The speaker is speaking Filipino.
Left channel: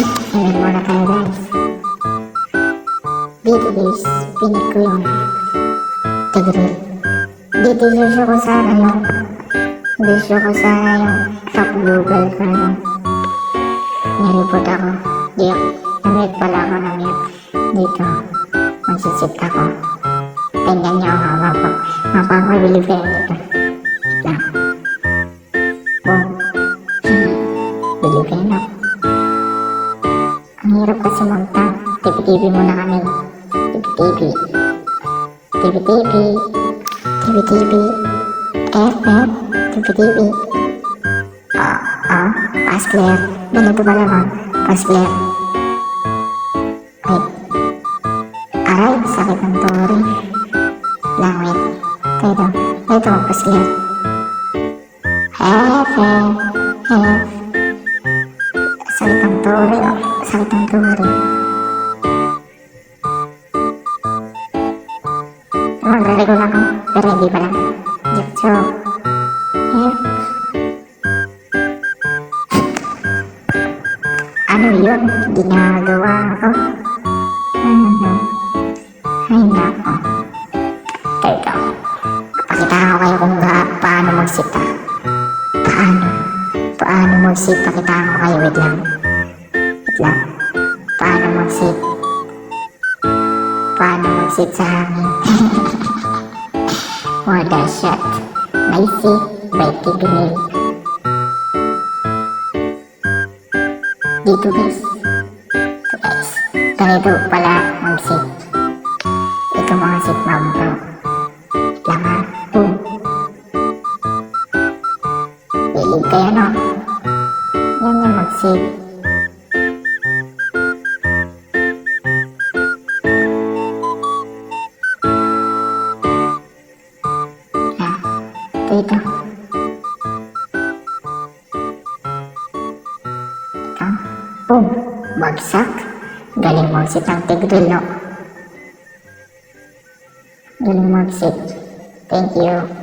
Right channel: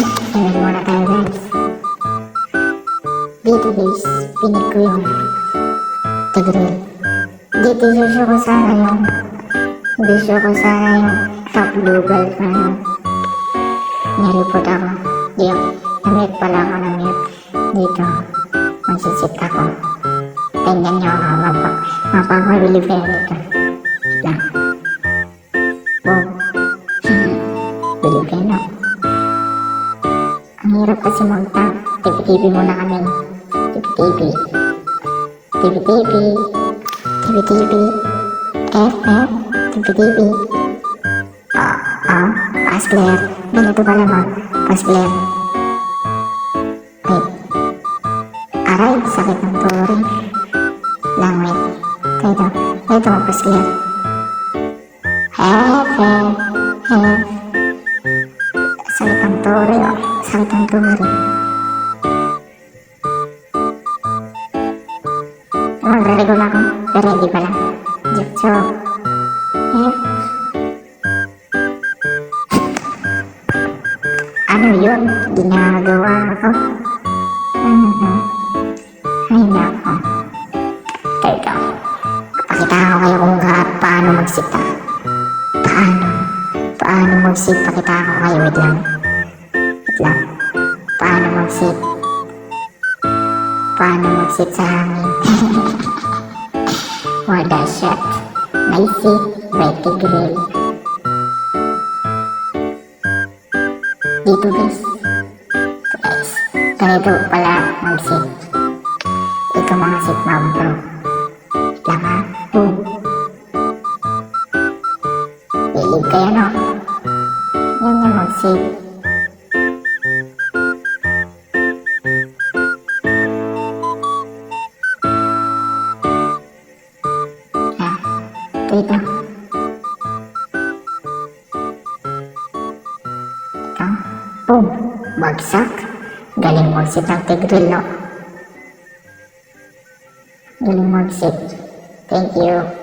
Tingnan muna tayo guys. Dito guys, pinig ko yung tigre. Dito susyo ko sa ano, susyo ko sa yung top Google ko yung nireport ako. Net pala ako na net. Dito, magsisit ako. Tingnan nyo ang mapapabili kayo dito. Ang hirap kasi mag-tap. TV muna kami. TV. FM. TV. Pass player. Ganito ba naman? Pass player. Wait. Aray, sakit ng turi. Lang, wait. Ito, pass player. FM. Sakit ng turi, oh. Sakit ng turi. Magreligo na ako, pero hindi pala. So, ano yun? Ginagawa ko? Ay, nako. Ito. Pakita ko kayo kung paano magsita. Paano magsit? Pakita ko kayo. Wait lang. Paano magsit? Paano magsit sa amin? What a shot. Nice. Becky Grill. Dito guys. Ganito pala mag-sit. Ito mga sit na bro. Laman. Believe kayo no? Yan yung mag-sit. Dito. Oh, bagsak. Galing magsit ang tigre, no? Galing magsit. Thank you.